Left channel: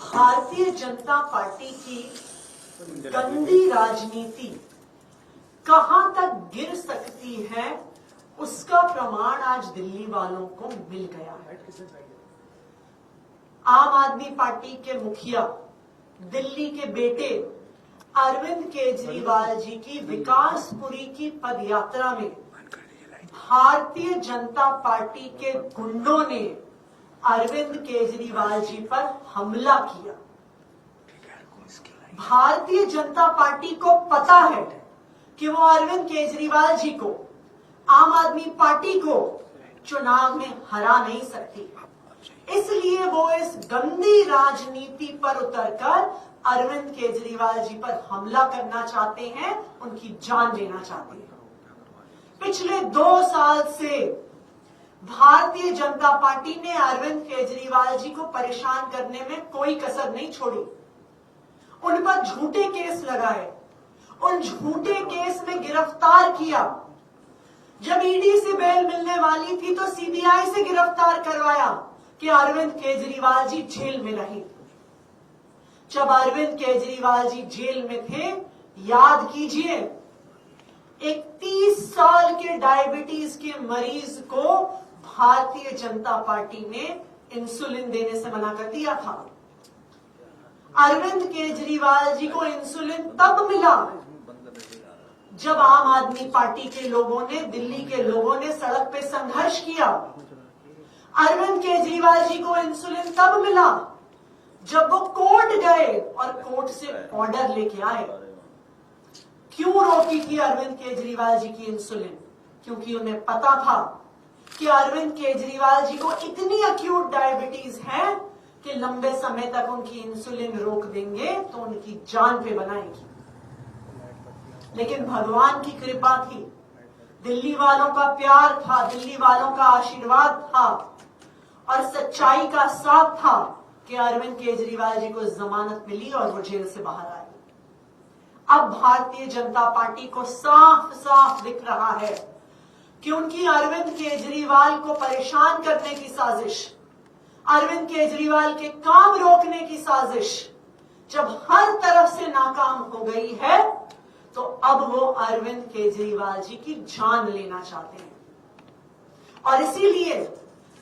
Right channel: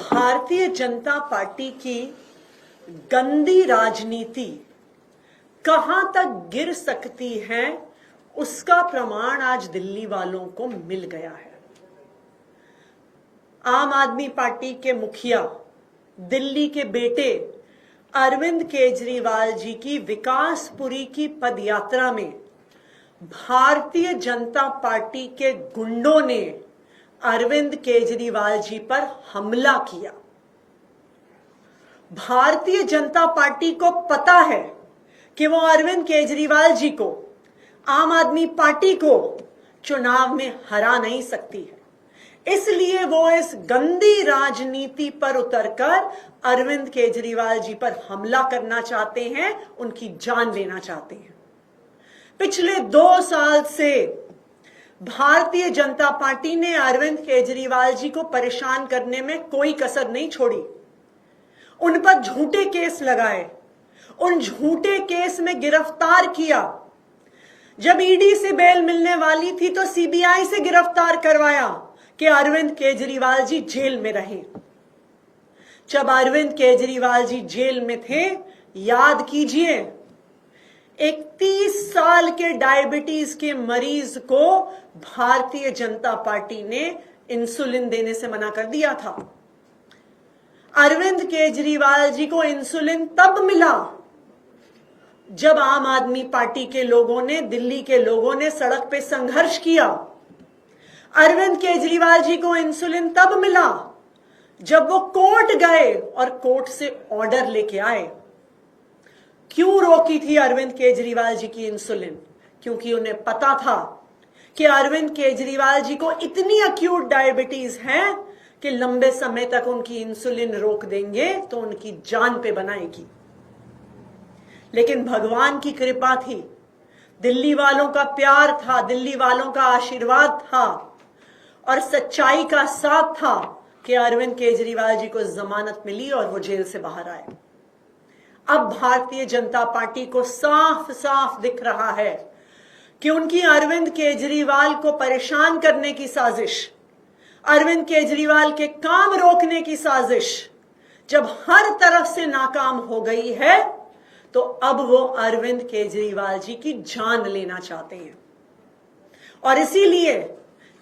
Bharatiya Janata party की गंदी राजनीति कहां तक गिर सकती है, उसका प्रमाण आज दिल्ली वालों को मिल गया है। आम आदमी पार्टी के मुखिया, दिल्ली के बेटे अरविंद केजरीवाल जी की विकासपुरी की पदयात्रा में भारतीय जनता पार्टी के गुंडों ने अरविंद केजरीवाल जी पर हमला किया। भारतीय जनता पार्टी को पता है कि वो अरविंद केजरीवाल जी को, आम आदमी पार्टी को चुनाव में हरा नहीं सकती, इसलिए वो इस गंदी राजनीति पर उतरकर अरविंद केजरीवाल जी पर हमला करना चाहते हैं, उनकी जान लेना चाहते हैं। पिछले 2 साल से भारतीय जनता पार्टी ने अरविंद केजरीवाल जी को परेशान करने में कोई कसर नहीं छोड़ी। उन पर झूठे केस लगाए, उन झूठे केस में गिरफ्तार किया। जब ईडी से बेल मिलने वाली थी तो सीबीआई से गिरफ्तार करवाया कि अरविंद केजरीवाल जी जेल में रहे। जब अरविंद केजरीवाल जी जेल में थे, याद कीजिए, एक 30 साल के डायबिटीज के मरीज को भारतीय जनता पार्टी ने इंसुलिन देने से मना कर दिया था। अरविंद केजरीवाल जी को इंसुलिन तब मिला जब आम आदमी पार्टी के लोगों ने, दिल्ली के लोगों ने सड़क पे संघर्ष किया। अरविंद केजरीवाल जी को इंसुलिन तब मिला जब वो कोर्ट गए और कोर्ट से ऑर्डर लेके आए। क्यों रोकी थी अरविंद केजरीवाल जी की इंसुलिन? क्योंकि उन्हें पता था कि अरविंद केजरीवाल जी को इतनी अक्यूट डायबिटीज है कि लंबे समय तक उनकी इंसुलिन रोक देंगे तो उनकी जान पे बनाएगी। लेकिन भगवान की कृपा थी, दिल्ली वालों का प्यार था, दिल्ली वालों का आशीर्वाद था और सच्चाई का साथ था कि अरविंद केजरीवाल जी को जमानत मिली और वो जेल से बाहर आए। अब भारतीय जनता पार्टी को साफ साफ दिख रहा है कि उनकी अरविंद केजरीवाल को परेशान करने की साजिश, अरविंद केजरीवाल के काम रोकने की साजिश जब हर तरफ से नाकाम हो गई है, तो अब वो अरविंद केजरीवाल जी की जान लेना चाहते हैं। और इसीलिए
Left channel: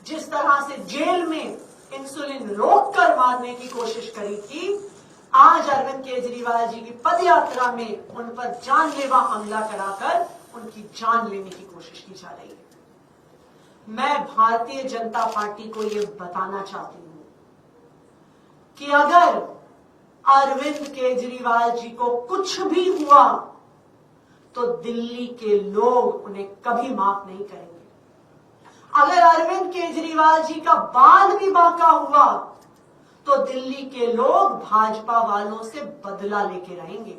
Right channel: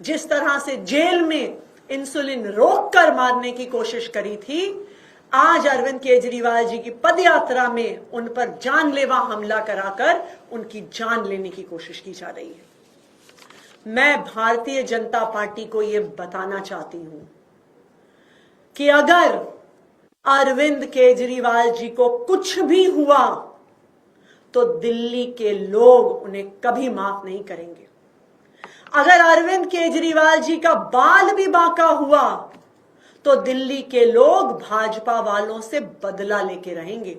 जिस तरह से जेल में इंसुलिन रोककर मारने की कोशिश करी थी, आज अरविंद केजरीवाल जी की पदयात्रा में उन पर जानलेवा हमला कराकर उनकी जान लेने की कोशिश की जा रही है। मैं भारतीय जनता पार्टी को यह बताना चाहती हूं कि अगर अरविंद केजरीवाल जी को कुछ भी हुआ तो दिल्ली के लोग उन्हें कभी माफ नहीं करेंगे। अगर अरविंद केजरीवाल जी का बाल भी बांका हुआ तो दिल्ली के लोग भाजपा वालों से बदला लेके रहेंगे।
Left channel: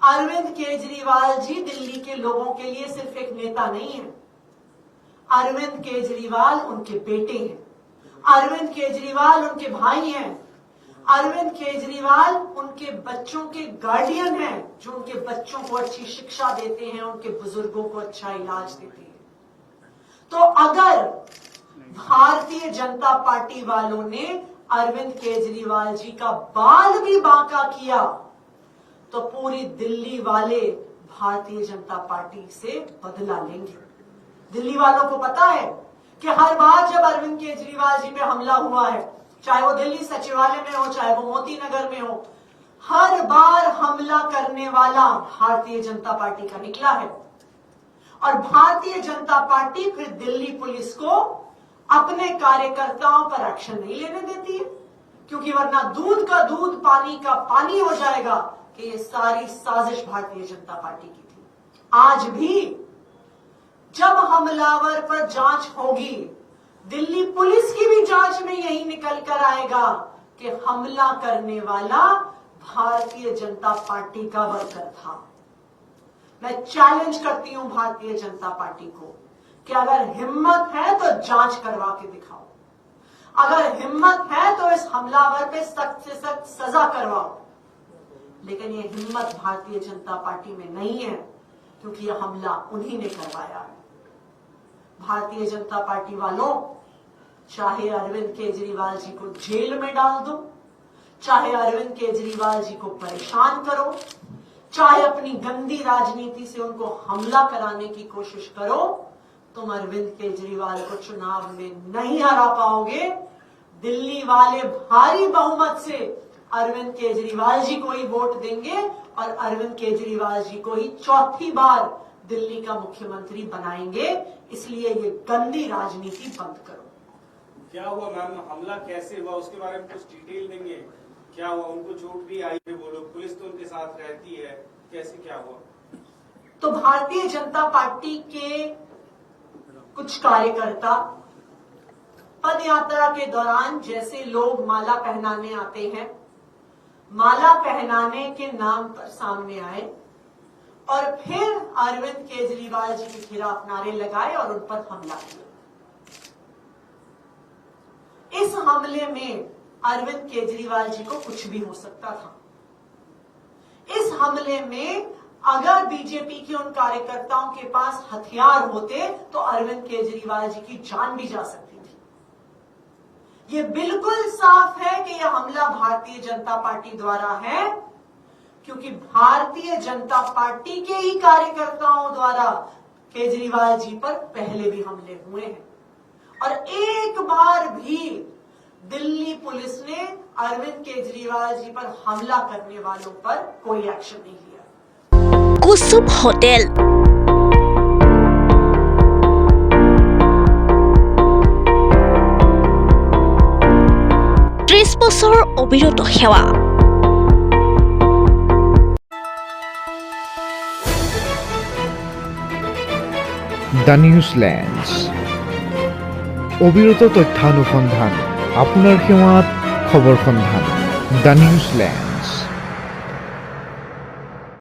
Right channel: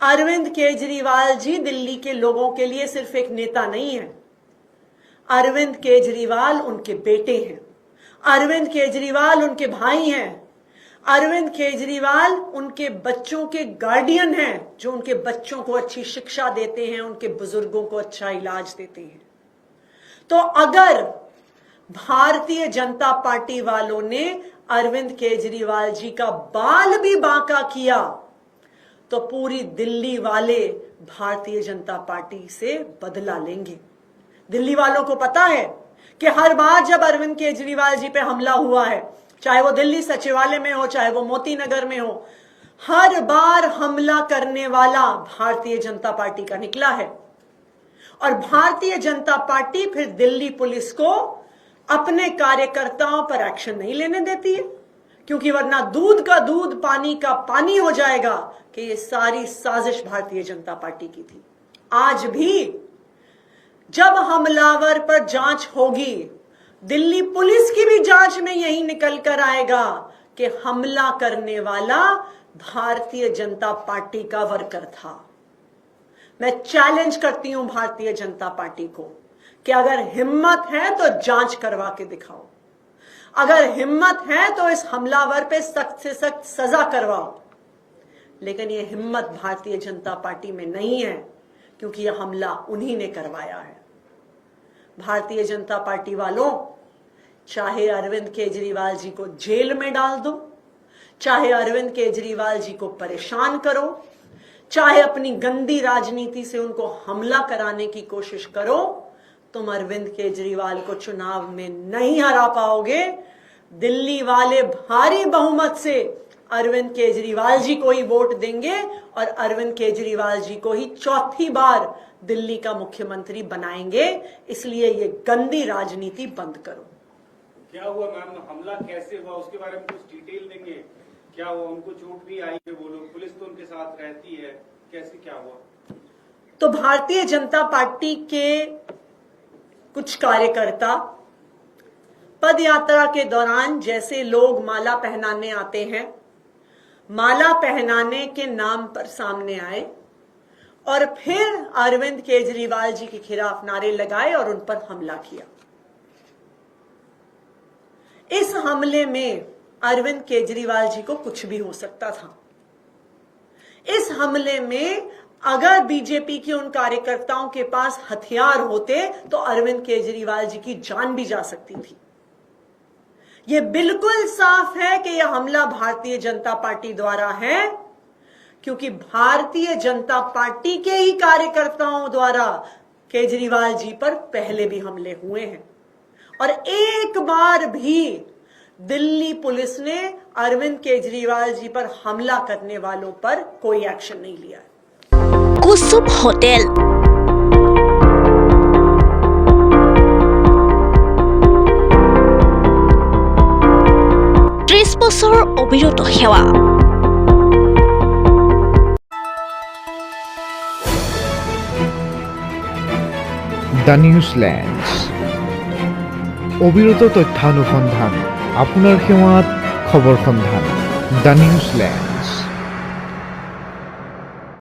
अरविंद केजरीवाल जी दिल्ली के लोगों के लिए सिर्फ एक नेता नहीं है, अरविंद केजरीवाल उनके बेटे हैं, अरविंद केजरीवाल उनके भाई हैं, अरविंद केजरीवाल उनके बच्चों के गार्डियन हैं, जो उनके बच्चों को अच्छी शिक्षा देते हैं, उनके बुजुर्गों को अच्छा इलाज देते हैं। तो अगर भारतीय जनता पार्टी वालों ने अरविंद केजरीवाल जी का बाल भी बांका किया तो पूरी दिल्ली वाले भारतीय जनता पार्टी से बदला लेंगे। दिल्ली वालों को पता है कि हर बार जब अरविंद केजरीवाल जी पे हमला हुआ है, चाहे वो दिल्ली सचिवालय में हो, चाहे वो मोती नगर में हो, हर बार हमला करने वाला भारतीय जनता पार्टी का निकला है। और भारतीय जनता पार्टी फिर दिल्ली पुलिस को अपने कार्यकर्ताओं पर एक्शन नहीं लेने देती है, क्योंकि वरना दूध का दूध, पानी का पानी हो जाएगा कि ये सारी साजिश भारतीय जनता पार्टी की थी। आज भी जब हमलावर पर जांच होगी, दिल्ली पुलिस की भी जांच में यही निकल कर आएगा कि हमला करने वाला भारतीय जनता पार्टी का वर्कर था। मैं चैलेंज करती हूं भारतीय जनता पार्टी को कि अगर हिम्मत है तो जांच करवा के दिखाओ, अगर हिम्मत है तो इस हमलावर पे सख्त से सख्त सजा करवाओ। लेकिन यह हिम्मत भारतीय जनता पार्टी में नहीं है, क्योंकि यह हमला उन्हीं ने करवाया है। भारतीय जनता पार्टी वालों, चाहे अरविंद केजरीवाल जी को जेल में डाल दो, चाहे अरविंद केजरीवाल जी को परेशान करो, चाहे अपनी गंदी राजनीति से उनको हमला कराने की कोशिश करो, तुम अरविंद केजरीवाल को चुनाव में नहीं हरा पाओगे। दिल्ली वाले भारी बहुमत से अरविंद केजरीवाल जी को ही वोट देंगे और अरविंद केजरीवाल जी को ही चौथी बार दिल्ली का मुख्यमंत्री बनाएंगे। इसलिए ये गंदी राजनीति बंद करो। क्या हुआ मैम, हमला कैसे हुआ उसके बारे में कुछ डिटेल देंगे? क्या हुआ, उनको चोट भी आई है, वो लोग, पुलिस तो उनके साथ रहती है, कैसे क्या हुआ? तो भारतीय जनता पार्टी के कुछ कार्यकर्ता पद यात्रा के दौरान जैसे लोग माला पहनाने आते हैं, माला पहनाने के नाम पर सामने आए और फिर अरविंद केजरीवाल जी के खिलाफ नारे लगाए और उन पर हमला किया। इस हमले में अरविंद केजरीवाल जी को कुछ भी हो सकता था। इस हमले में अगर बीजेपी के उन कार्यकर्ताओं के पास हथियार होते तो अरविंद केजरीवाल जी की जान भी जा सकती थी। यह बिल्कुल साफ है कि यह हमला भारतीय जनता पार्टी द्वारा है, क्योंकि भारतीय जनता पार्टी के ही कार्यकर्ताओं द्वारा केजरीवाल जी पर पहले भी हमले हुए हैं और एक बार भी दिल्ली पुलिस ने अरविंद केजरीवाल जी पर हमला करने वालों पर कोई एक्शन नहीं लिया। कुसुम होटेल, 30 বছৰ অবিৰত সেৱা। দ্য নিউজলেন্ডছ, অবিৰত তথ্যানুসন্ধান, আপোনাৰ সেৱাত খবৰ সন্ধান। দ্য নিউজলেন্ড।